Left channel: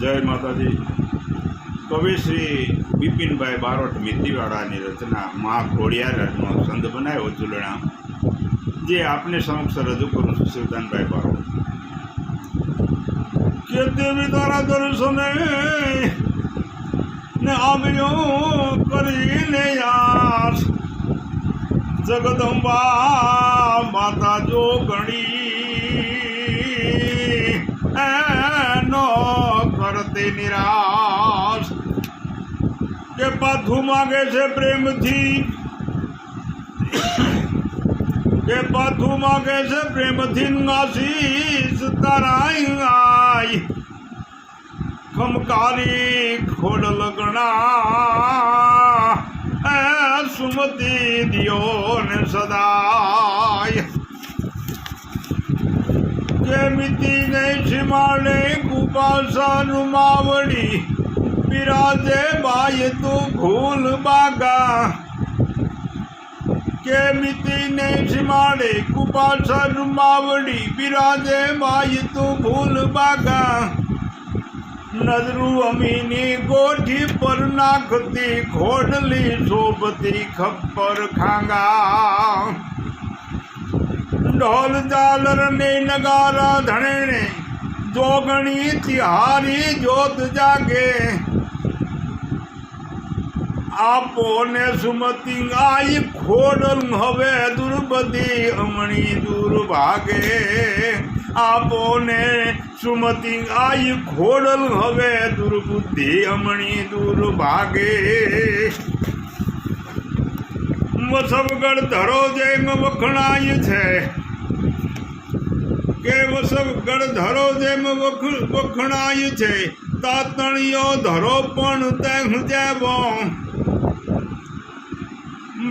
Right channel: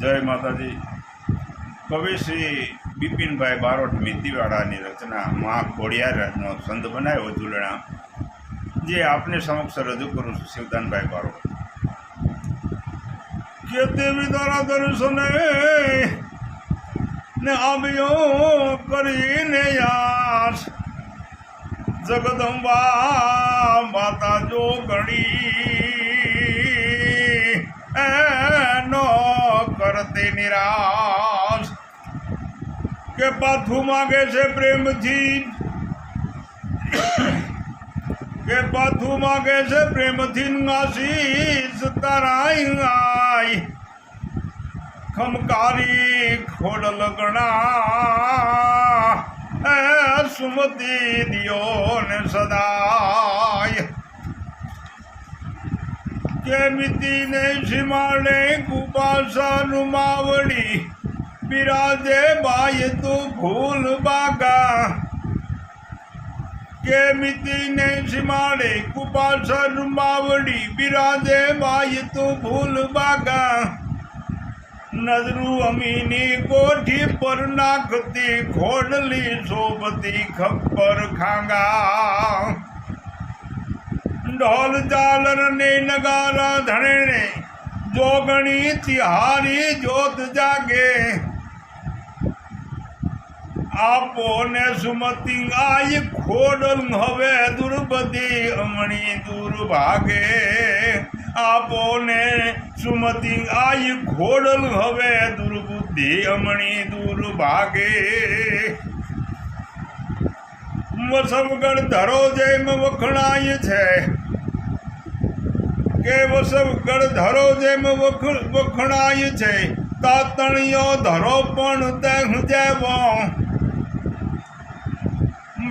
જય માતાજી। કવિ શ્રી બિપિનભાઈ બારોટ મિત્તીવાળાની રચના મહાઘોડિયારનો છંદ બનાવ્યો ઝૂલણા, જે આપને સમક્ષ રજૂ કરું છું। શિવદાનભાઈ બારોટ કે દેવી તારા દર્શને ને આવ્યો કરીને યાસ, જગદંબા માતા જો ગણી એનો કરતી નિરાશ, કે પાથું માગે છે પ્રેમથી, કે પાથું માગે છે પ્રેમથી આશીષ તારાઈ, ખમકારી ખોડલ ગણા એ સુમતી દિયો ને સદાય, કે મિતી ને સીમાડે કુપાસાનું માવડી, બિરાજે બાય તું ભૂલ બાગા, કે મિતી ને સીમાડે કુપાસાનું માવડી, બિરાજે બાય તું ભૂલ બાગા, નજરું અમીની ગોઠી પર નાખતી, ખોડલી શોભતી ખપ્પર ખાંગા, ઢોલ ઝાલર ને નગારા ધણે જોગણી તિહારી જોત જાગે, આપો ને સુમતી આઈ ખોડલ હવે દુર્બધી અમણી દૂર ભાગે, આપો ને સુમતી આઈ ખોડલ હવે દુર્બુદ્ધિ અમણી દૂર ભાગે, વસવગઢ ધરો જેમ વખણાય છે, કે વસવગઢ ધરો જેમ વખણાય છે, તાતણીયો ધરો પણ તેમ જેવો,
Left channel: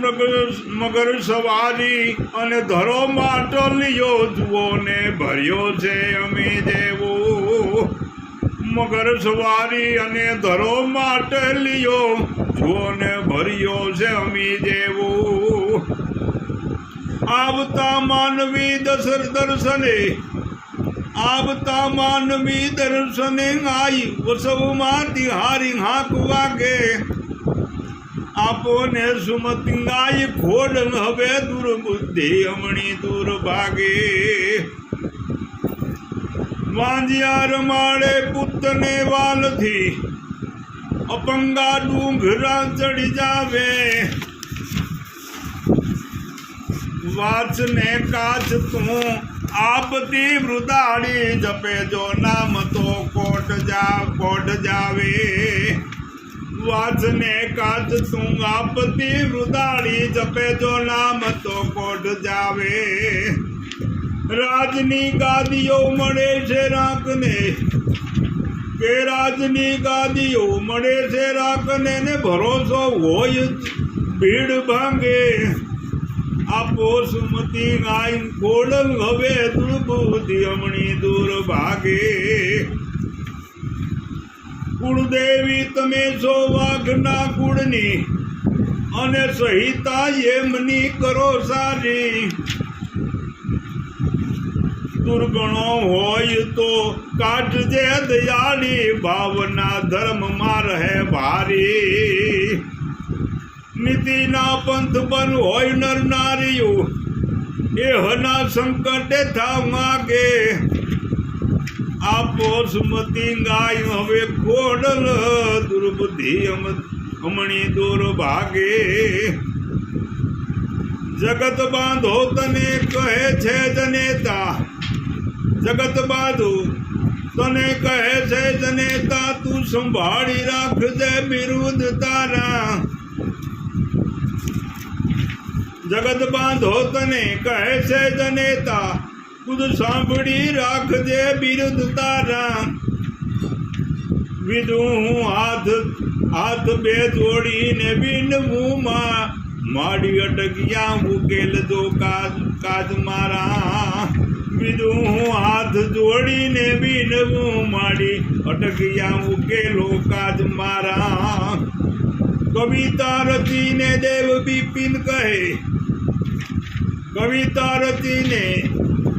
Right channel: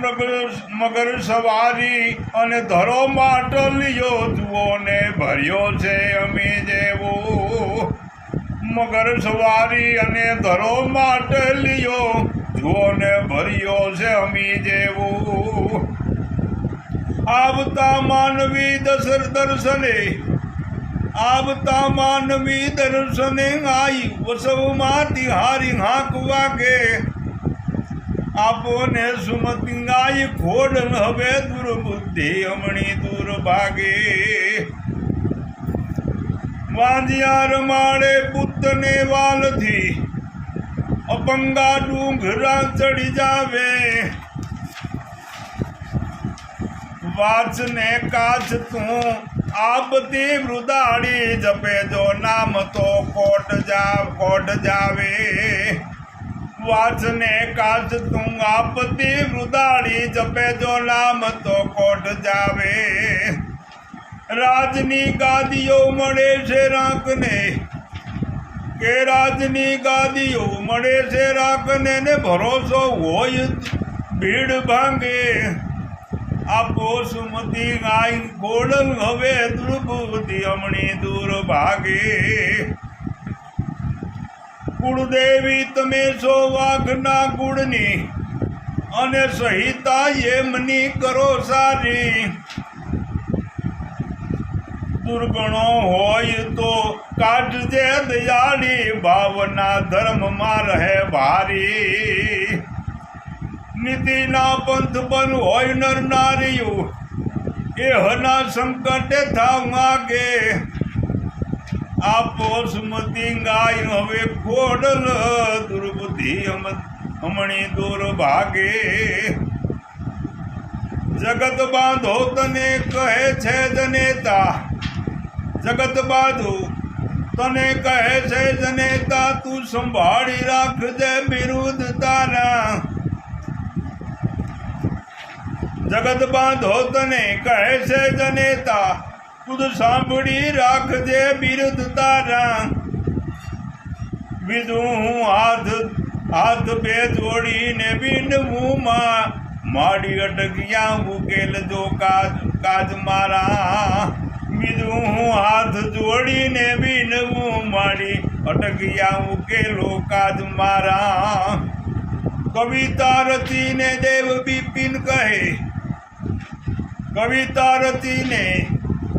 મગર સવારી અને ધરો માટલિયો જુઓ ને ભર્યો છે અમે જેવો, મગર સવારી અને ધરો માટલિયો જુઓ ને ભર્યો છે અમી જેવો, આવતા માનવી દર્શને, આવતા માનવી દર્શને આઈ, વસવમાં તિહારી હાક વાગે, આપો ને સુમતી આઈ ખોડલ હવે દુર્બુદ્ધિ અમણી દૂર ભાગે, વાંજિયાર માળે પુત્રને વાલથી, અપંગા ડુંગરા ચડી જાવે, વાચ ને કાચ તું આપતી વૃદાળી, જપે જો નામ તો કોટ જાવે, વાચ ને કાચ તું આપતી વૃદાળી, જપે જો નામ તો કોટ જાવે, રાજની ગાદીઓ મળે છે રાખને, કે રાજની ગાદીઓ મળે છે રાખને, ને ભરોસો હોય ભીડ ભાંગે, આપો સુમતી ગાય ખોડલ હવે દુર્બુદ્ધિ અમણી દૂર ભાગે, કુળદેવી તમે છો વાઘના કુળની, અને સહિતા એમની કરો સારી, દુર્ગણો હોય તો કાઢજે દયાળી, ભાવના ધર્મમાં રહે ભારી, નીતિના પંથ બન હોય નર નારીઓ, એહના સંકટે થાવ માગે, આપો સુમતી ગાય હવે ખોડલ દુર્બુદ્ધિ અમણી દૂર ભાગે, જગત બાંધો તને કહે છે જનેતા, જગત બાંધો તને કહે છે જનેતા, તું સંભાળી રાખજે બિરુદ તારા, જગત બાંધો તને કહે છે જનેતા, ખુદ સાંભળી રાખજે બિરુદ તારા, વિધું હું હાથ બે જોડીને બિનવું માં, માડી અટક્યા ઉકેલ જો કાજ મારા, બીજું હું હાથ જોડીને બિનવું માડી અટક્યા ઉકેલો કાજ મારા, કવિતા રચીને દેવ બિપિન કહે, કવિતા રચીને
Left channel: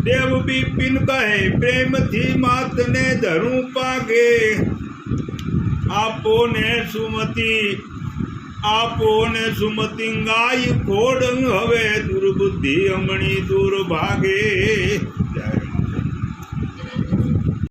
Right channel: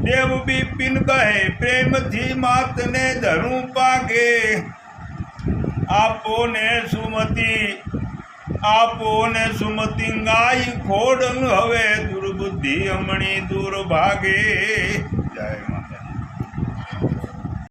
દેવ બિપિન કહે પ્રેમથી માતને ધરું પાગે, આપો ને સુમતિ ગાય ખોડંગ હવે દુર્બુદ્ધિ હમણી દૂર ભાગે. જય માતા.